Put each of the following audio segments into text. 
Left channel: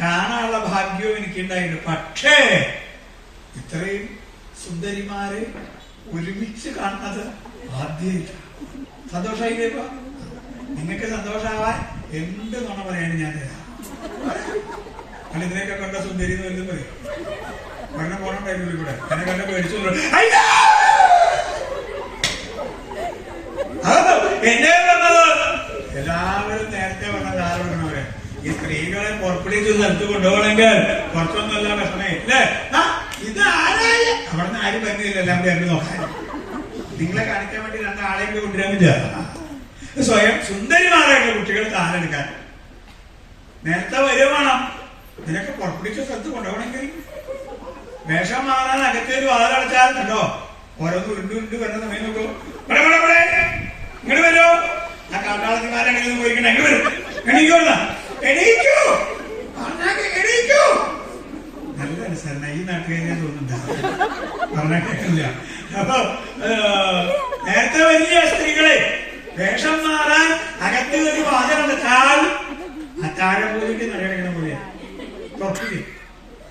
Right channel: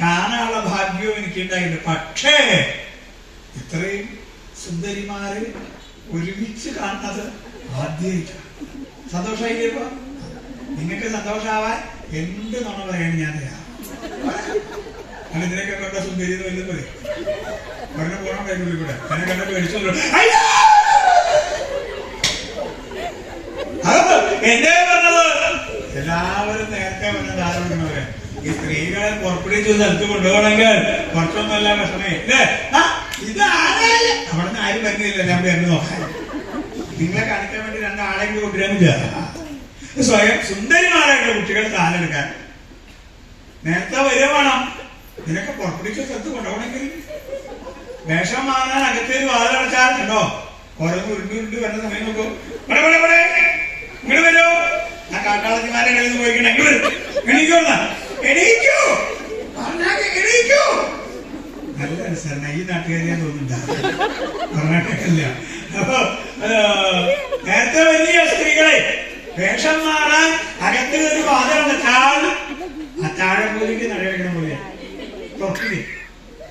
കാണാനുള്ള ഭാഗ്യവും എനിക്കുണ്ടായിട്ടുണ്ട്. പക്ഷേ ഇത്രയും സുന്ദരിമാരെ ഒരുമിച്ച് കാണുന്നത് ആദ്യമായിട്ടാണ്. സന്തോഷമായില്ലേപ്പോ? നിങ്ങൾക്ക് സന്തോഷമാവാൻ എന്ത് നുണ പറയാണ് ഞാൻ തരാം. അല്ല, ഇതിനൊക്കെ കണ്ട സുന്ദരി എന്ന് വലുതും പറയും. പറഞ്ഞ പോണുണ്ടായിരുന്നു കൂടെ എന്നെ കണ്ട പേടിച്ചോളൂ. എന്നെ പറഞ്ഞത് എല്ലാവരും നേരത്തെ പറഞ്ഞത് ആരോടും പറയാം. ഈ സ്ത്രീകളെ പുറപ്പെടുവിച്ച് സ്ഥലത്ത് കൊണ്ടുപോകണമെങ്കിൽ കുറച്ചൊന്നുമല്ല വിഷമേ അല്ലേ? ഇത് ആരാ അവിടെ നിന്ന് ആരും വരുന്നില്ല. എല്ലാം കൂടി എന്നെ നോക്കാൻ നിങ്ങളെ കാണിക്കാൻ വേണ്ടി രണ്ടാളെയും കൂടി കൊണ്ടുവരാനില്ല. സ്വയം സുന്ദരിമാരായിട്ടുള്ള കുട്ടികൾ കാലെടുക്കാൻ നേരത്തെ വരിക വേണം. ഇതിനൊക്കെ പുറപ്പെടുവിച്ച സ്ഥലത്ത് കൊണ്ടുപോകണമെങ്കിൽ വേഷം മാറാൻ അകത്തേക്ക് വാതിലടച്ചാൽ കണ്ടോ ഓരോന്ന് ഉരുണ്ട് വരുന്ന സമയം നോക്കൂ. ഇങ്ങോട്ട് വരുമോ? ആ കാട്ടാളത്തിമാരെ പോയിക്കണേ. ഇങ്ങോട്ട് വരും. എണീക്കൂ എണീക്കൂ എണീക്കൂ. നല്ല രസമാണ്. ഈ നാട്ടുകാരെ തോന്നുന്നുണ്ട് പറഞ്ഞിട്ടില്ല. അപ്പൊ നേരത്തെ വലിയ സ്ത്രീകളെ വേഷം മാറാൻ അകത്ത് ഒരു വാതിലടച്ചാൽ ആ താഴെ പോയിട്ട് നടക്കണ പോലെ പുറത്തില്ലേ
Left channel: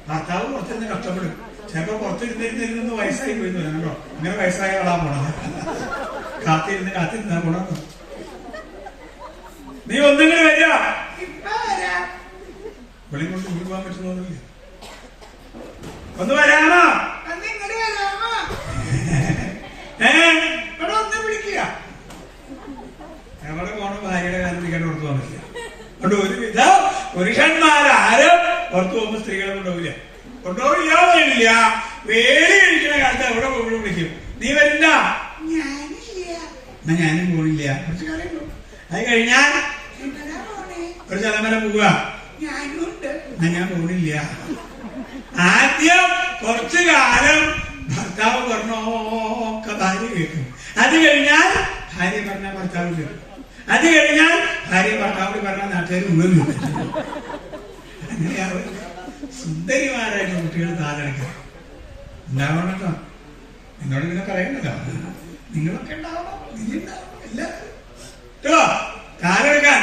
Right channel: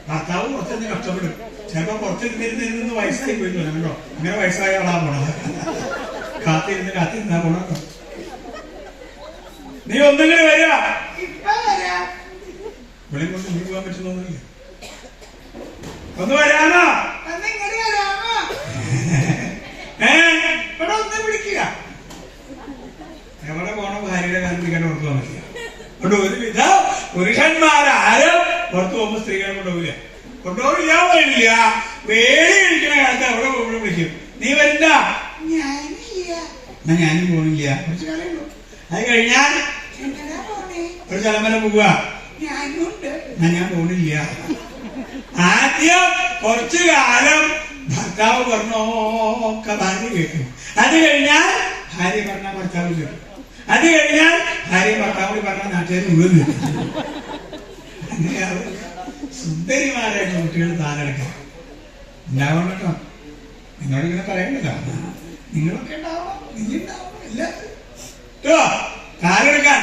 ഭർത്താവ് പുറത്തുനിന്ന് കഷ്ടപ്പെടും. ചിലപ്പോ പുറത്തിരുന്നിരുന്നിരുന്ന് വയസ്സായി പോയി തോന്നുന്നുണ്ടോ? അങ്ങനെ വയസ്സായ ആളാ പോണത്. കാത്തിരുന്നാ പോണോ? നീ ഒന്നെങ്കിലും വരിക. വെളി കൊണ്ട് മുടി പോകാൻ പറ്റുന്നൊന്നുമില്ല. ഒന്ന് വരാനോ? ഇവിടെ ഒന്നും പിടിക്കുക. എവിടെ പോകണം? ഭാര്യയുടെ കാലം പിടിക്കാൻ പുറത്തു പോകാൻ പറ്റില്ല. അതുകൊണ്ട് ഒരുവിധ പുരുഷന്മാരാരും പുറത്തു പോകുമ്പോ സ്ത്രീകളെ കൊണ്ടുപോകില്ല. കൊണ്ടുപോകില്ല. വേടി കഴിക്കുന്ന കാലത്ത് അവിടെ പോകുമ്പോഴും വിളിക്കും. നീ വരണ്ട. എന്നാ ഞാനും പോണില്ല. കുറച്ച് കാലം പോകും. അത് കഴിഞ്ഞാൽ ഒരു സ്ഥലം വരെ പോവുക. എന്നാ ഞാൻ പോണില്ല. ആദ്യം കുറച്ചു കാലം ഭർത്താവ് പറഞ്ഞൊക്കെ ഭാര്യ കേൾക്കും. അത് കഴിഞ്ഞാൽ ഭാര്യ പറഞ്ഞ ഭർത്താവ് കേൾക്കും. അത് കഴിഞ്ഞാൽ ഭാര്യ ഭർത്താവ് പറഞ്ഞ നാട്ടുകാർ മുഴുവൻ കേൾക്കും. അങ്ങനെയാണ് സുന്ദരിമാരായിട്ട് കുട്ടികൾ താലെടുക്കുക. ഉണ്ടാവണം കേട്ടോ. നിങ്ങളോട് ഇങ്ങനെ പറയേണ്ടതാ. നിങ്ങളൊക്കെ ഉണ്ടാവണം. ഇല്ല കേട്ടോ. കാലെടുക്കാൻ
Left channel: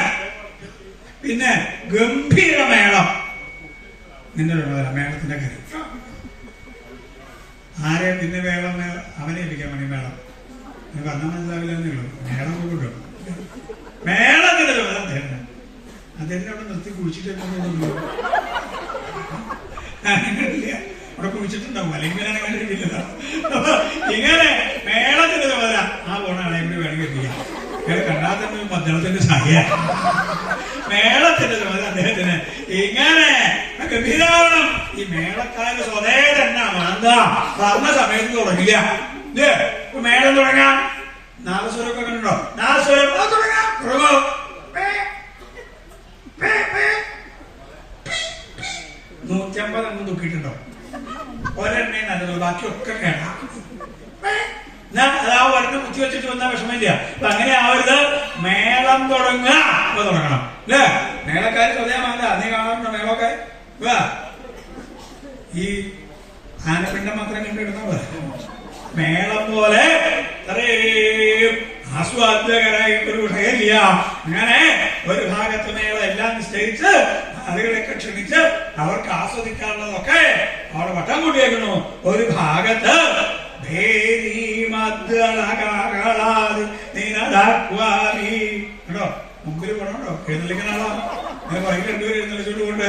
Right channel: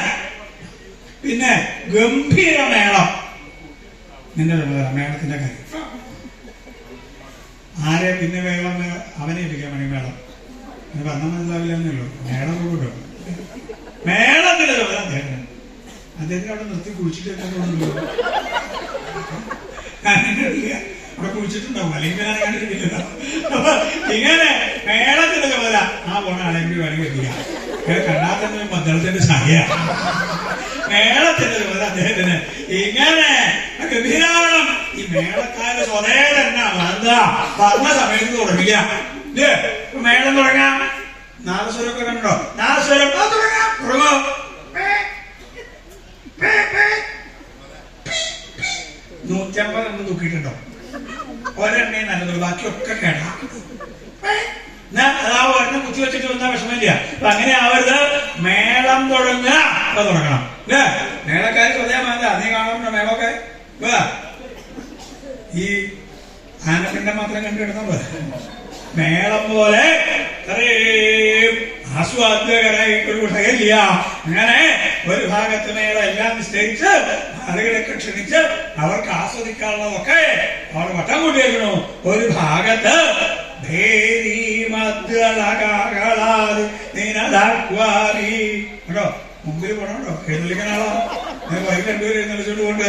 പിന്നെ ഗംഭീര മേളം. നിന്റെ മേളത്തിന്റെ കാര്യം ആരെ പിന്നെ മേളം അവനെ ഏൽപ്പിക്കാൻ മണി മേളം പറഞ്ഞ മനസ്സിലാവില്ലെന്നേ ഉള്ളൂ. മേളം കൂടും. മേളത്തിന്റെ ചുമതല അദ്ദേഹത്തിന്. അദ്ദേഹത്തിന് അവിടെ നിർത്തി കുഴിച്ചിട്ട് അവിടെ കുഴിച്ചിട്ടുണ്ടാവും. അല്ലെങ്കിൽ ഞാൻ കണ്ടിരിക്കില്ല. ഇങ്ങനെ മേളത്തിന്റെ ചുമതല ആ പോണ ആളെയും കൂടി വേണമെങ്കിൽ എത്തിക്കാം. കണ്ടാൽ തന്നെ മദ്ദളത്തിന്റെ ചായ. മേളത്തിന്റെ ചുമതല അദ്ദേഹത്തിന്. ഇങ്ങനെ ഗംഭീരാവണം. ഈ മേളക്കാരുടെ സ്വതേ തന്നെ പറഞ്ഞ സമയത്ത് തുടങ്ങില്ല. മേളം തുടങ്ങാം. നാദസ്വരമൊക്കെ കണ്ടോ? നാദസ്വരം തുടങ്ങാം. തുടങ്ങോ. 150 തൂക്കിയിട്ടുണ്ടോ? ഒരെണ്ണേ നല്ലതുള്ളൂ. ബാക്കിയൊക്കെ കേട്ടാ അതാ ഒരെണ്ണം കുത്തി വെച്ചിട്ട് വന്ന വിഷമില്ല. അപ്പൊ അങ്ങനെ ആവരുത്. മേളം തുടങ്ങുക. അപ്പൊ തുടങ്ങണം അല്ലേ? മേളക്കാര് സ്വതേമാല നീ കാണാറുണ്ടോ? മേളമൊക്കെ ഈ ആനപ്പിണ്ടം മാത്രം കണ്ടിടുന്ന പോലെ മേളം പോലെ ആസ്വാദ്യകരായി ഒരു വിഷയമില്ല. അങ്ങനെ ഒരു ഭാഗത്ത് മേളം എല്ലാം നിശ്ചയിച്ച് ആളുകളെയൊക്കെ ക്ഷണിച്ച് അവർക്ക് ആസ്വദിക്കാനുള്ളതൊക്കെ അവിടെ വട്ടം കൂട്ടിയേക്കണു. ഒരു ഭാഗത്ത് കേട്ടോ മുമ്പിൽ പോണോ? എഴുന്നള്ളിക്കാനാണോ? വൈകി രണ്ടുപേരും എഴുന്നള്ളിച്ചോണ്ട് കൊണ്ട്